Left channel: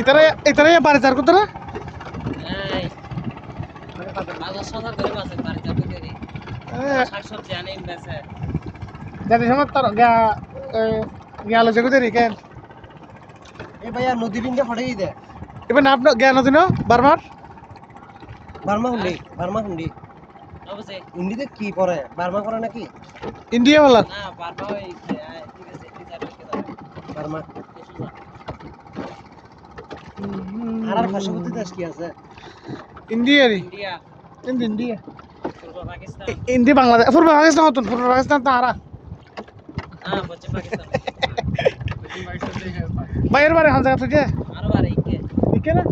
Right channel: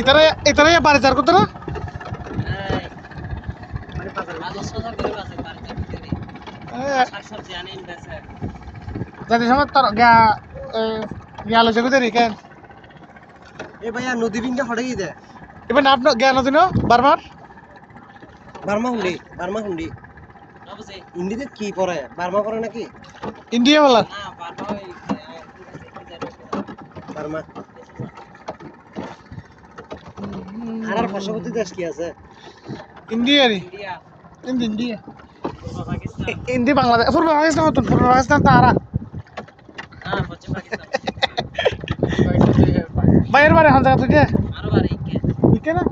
ইতারা বাড়িদার কত না জানি সময় তোর গেল যে কোথায় কেন এ ভাইয়া নদী বিন্দা ফটে গিয়ে দেয় এবার নাম জ্ঞান দিন বারবার বার্মা হুন্ডি হিন্দিতে কি পড়ে বার্মা পড়ে নাকি ইন্ডিয়া বলা বার্মা আর পার্শ্ববর্তী দেশ কি আছে ইন্ডিয়ারই ইন্ডিয়া ইন্দি বাংলাদেশ পূর্ব পাকিস্তান মতন পূর্ব পাকিস্তান তারা বাইরের বারে হান জায়গা থেকে ইকে না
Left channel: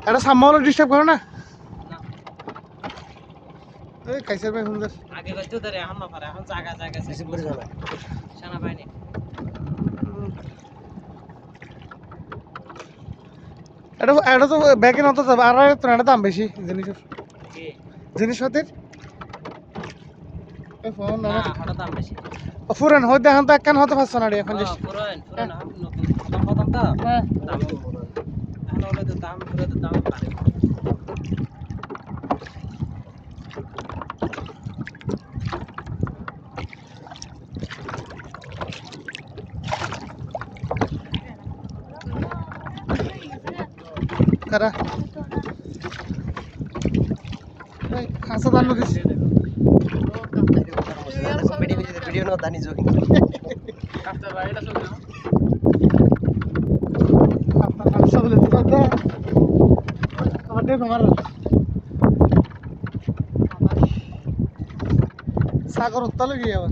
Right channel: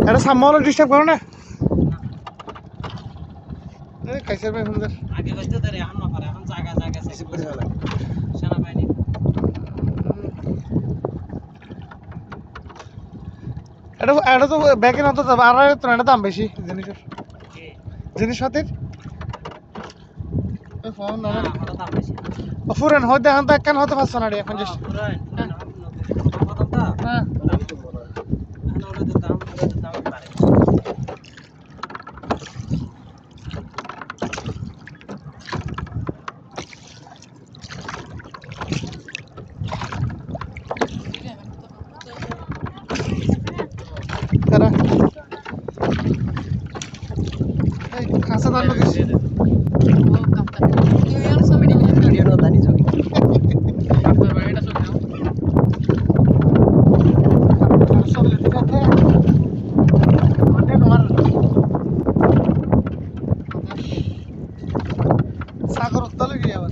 এটা সামনে ডিস্টার্ব করো না খাইছে ভাই সুন্দর আগে কইতে ধরে এখন না পারে এখন জায়গা বেশি করে জানা সেনা বাহিনী এটা তো ব্যাকে নত আর এটা দাম বেশি জিনিসের জিনিসপাতির ফোন না ওটা দাম বেশি ফুরেন হইতে এখন তো একখান হতে পারছো না রে এখন পুরান দাম কত তা হ্যাঁ দাম তো বড় এখন ওটা তো দাম পারে কারা এই খাসা দাল লোক ভিডিও না দানি যোগী সবলে কথা আমাদের তোমার সাগর উত্তালে গিয়ে আবার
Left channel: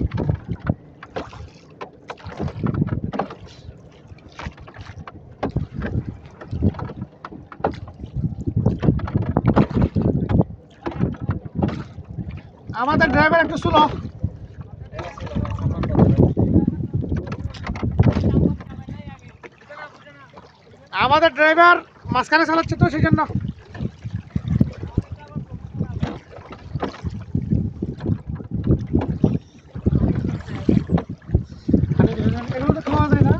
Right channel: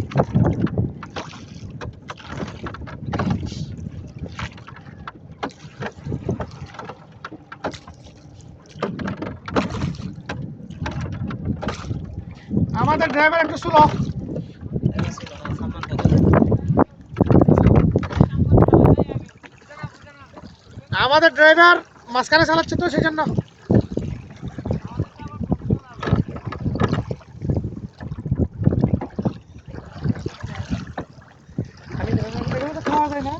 আমাদের ড্রাইভার একটু স্লো আমাদের ড্রাইভার মাঝখানে চালাচ্ছে তো সেই জন্য খাওয়া যায় না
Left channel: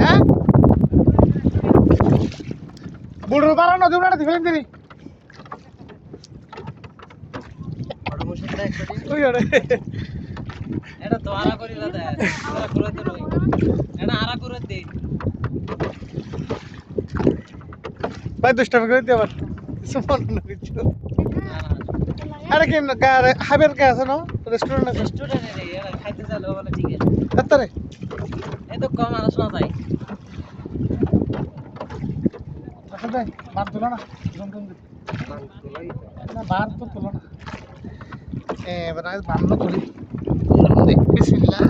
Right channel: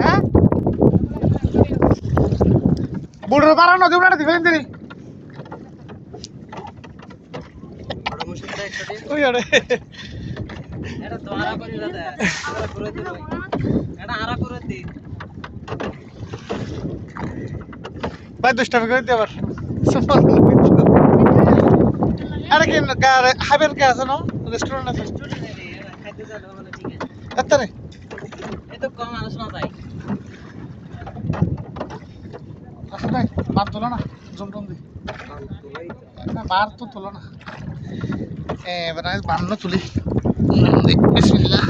হ্যাঁ বুড়োর পাড়া নদী উড়াটা দিবেন তিনি বড় মুশকিল একটা ওই আরে এটা তো আরা করি দাদা আরা করে দে এটা আরা করে দে ভাই 10 টাকা করে দিয়ে আবার আরে কি হাইবের কে আছে না রেস্টুরেন্ট আছে স্টুডেন্ট এরা খাইতে চাইলে বলে ঠিক আছে তাত্তারে এই তো কম আলোচনা যায় আসলে ভাই বার তোলো না জমটম দি না বার তো তোলো না এবার আজ বার না তুলি বিসমিল্লাহ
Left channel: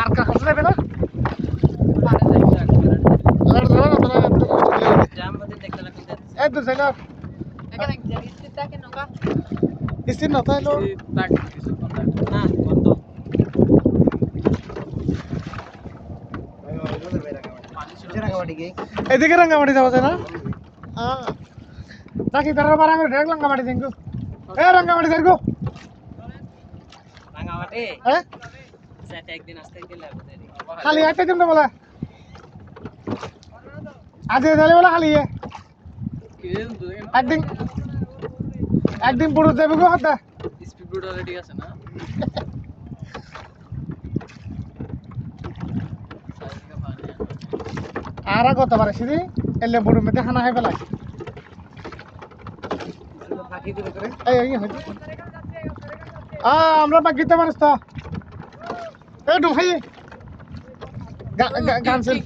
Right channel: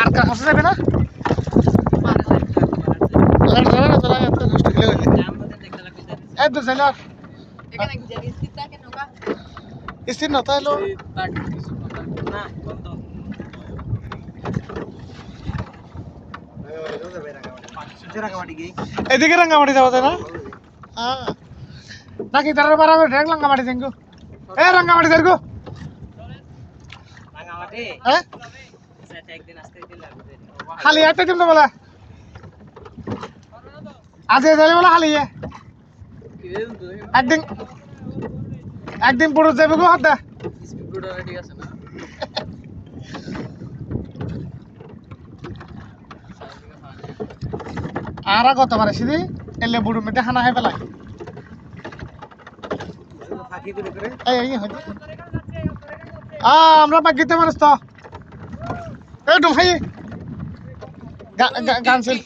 আর কার হাসে যাবে না আর যাবে না তোরা এত কষ্ট দিলে জাম বলতে দেখতে লাগবে এই তো জানো এখানে জায়গা স্থির থাকে নৌকা স্থির না তাইলো না বন্ধ এদিকে রাঙ্গামাটি যাওয়া যায় না হ্যাঁ নাকি তারা বার আমি ডাইরেক্ট রাঙ্গামাটি যাইগো রাঙ্গামাটি যাইগো রাঙামাটি হ্যাঁ সেটা একদিন আসতে দিলে খালি একটা দিন তো বলা আজ যাইলে বলা খালি একদিন একদিন পুরো যাবে গো হাতে স্পিড বোর্ড অলরেডি আছে না আর কত পারে সিদি এলে বুড়ো মেতে খানা খাই পেলাই ফাঁকি করে করে এই আমরা বাকিতে মানুষ তো এই ডুমাই গানছেন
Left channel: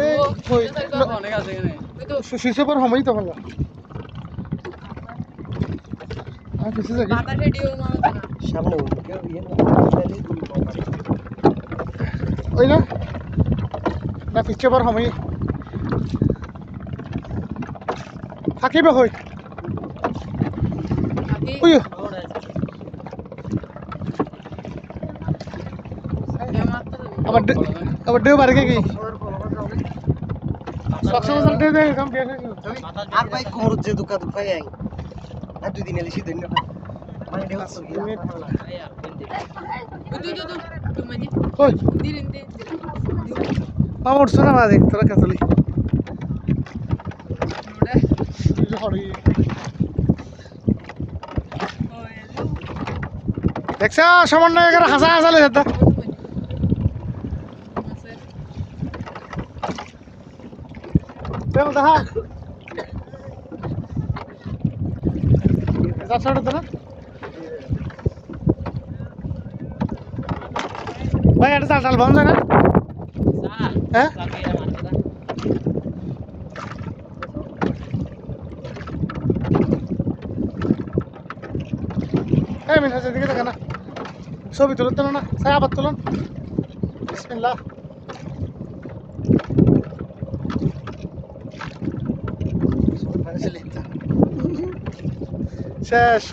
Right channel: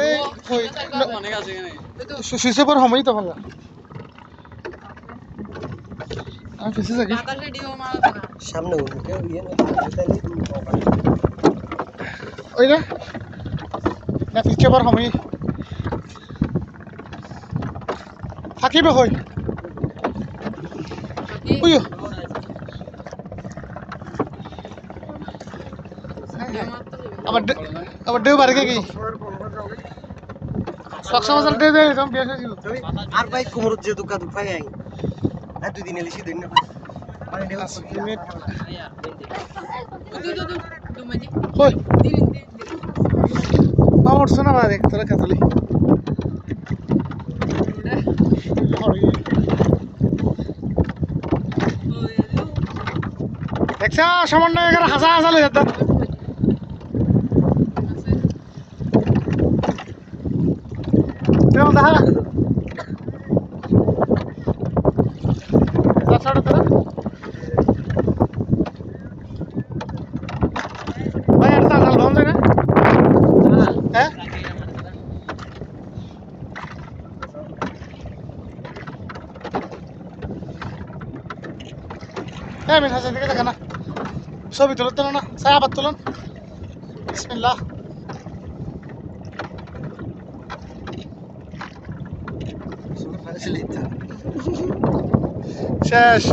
এই অনেক আছে এখানে সুইসে পর সময় তো ভালো আমি ফেসে যাই বাতাস ভিডিও মারা না সামনে ওকে ইয়ে না ওই না না পিছে পর সময় থাকিবে কই বাকি ওই আবার দেও বাড়ি কি সবসময় দেও দেও একদম বেশ হয়েছিল আর ভাই কোমর যে দুকা দুকাই আই আর দুই দিন এলিছি দিন না মানে ঢেউ তো কি মিনিট यार तू म्हणजे কই দিন পা উঠছে না দেখ তোরা কাতলি দেখছ সামান্য এখানে হাসা হাসা লেগে যেত কেমন দেখা তাছাড়া তোরা ভাই আর চাল বন্ধ না হ্যাঁ হ্যাঁ মিন হাসা দিকে দেখা না ছবি তুলে তোলো না সাই আবার তুলুন বিসমিল্লাহ facilita. শেষ